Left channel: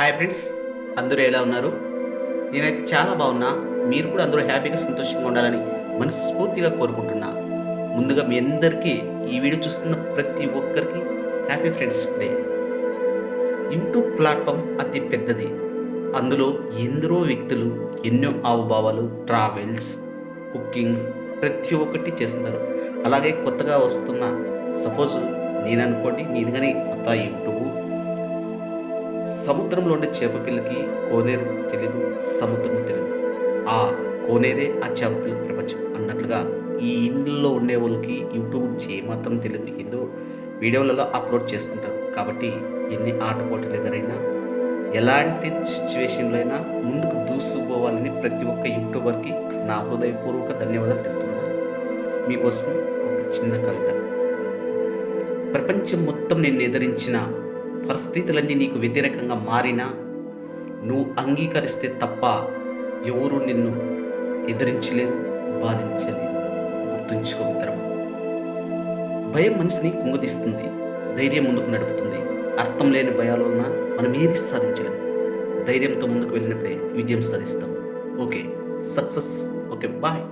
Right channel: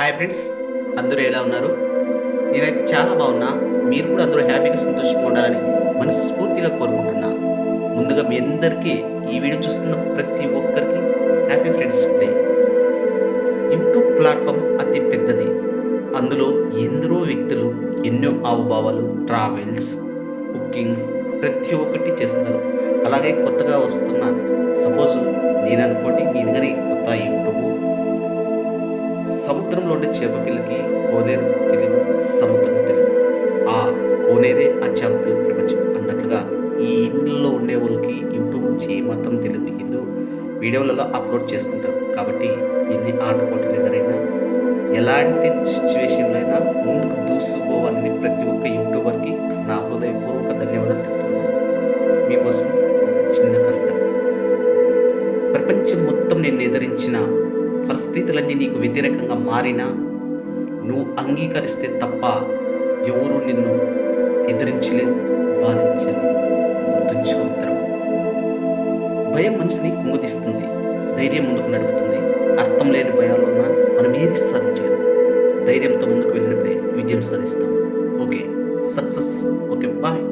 Hi friends, అందరూ ఎలా ఉన్నారు? నేనైతే చాలా బాగున్నా. మీరు కూడా అందరూ హ్యాపీగా, సంతోషంగా ఉండాలని మనస్ఫూర్తిగా కోరుకుంటున్నా. ముందుగా మీ అందరికీ ఈ వీడియో చూస్తున్న ప్రతి ఒక్కరికి happy friends day. YouTube platform అతి పెద్దది. అందులో ఎందరో వ్యక్తులు ఎన్నో హావభావాలు, ట్రావెల్స్, కుకింగ్ ప్రతి ఒక్కటి చేస్తున్నారు. అలాగే కొత్తగా వస్తున్న సపోజ్ నేననుకోండి, నేను గాని కొత్త యూట్యూబ్ సముద్రంలో ఉండే చేప పిల్లకి కోనేరు తెలీదు, సముద్రం తెలీదు. ఆ కోనేరే ఆ చేప పిల్లకి ప్రపంచం అన్నట్లుగా ఈ ఇండ్లలో ఉండే వాళ్ళకి యూట్యూబ్ గురించి ఏమాత్రం తెలియదు. ఏదో వీడియోలలో అప్లోడ్ చేసుకుంటారు. కాబట్టి ఎన్ని ఆటపోటీలు ఎదురైనా, ఎలాంటి సిచ్యువేషన్‌లో అయినా ముందుకు దూసుకుపోవాలని ప్రతి ఒక్క యూట్యూబర్‌కి నా హృదయపూర్వక ధన్యవాదాలు తెలుపుతున్నాను. మీకోసం ఒక చిన్న కవిత. ప్రపంచం మొత్తం నిన్ను ఎదిరించిన, పరిస్థితులన్నీ నీకు వ్యతిరేకంగా మారినా, నువ్వు అంగీకరిస్తే తప్ప ఎవరు నిన్ను ఎదిరించలేరు, బాధించలేరు. గుర్తుంచుకో మిత్రమా. భయం మనిషిని కుంగదీస్తుంది, ధైర్యం ముందుకు నడుపుతుంది. అర్థం లేని భయాల వలన మనం ఏది సాధించలేము. ధైర్యంతో ముందుకు వెళ్ళినప్పుడే విజయం సాధిస్తాం. Okay, success. Okay, bye.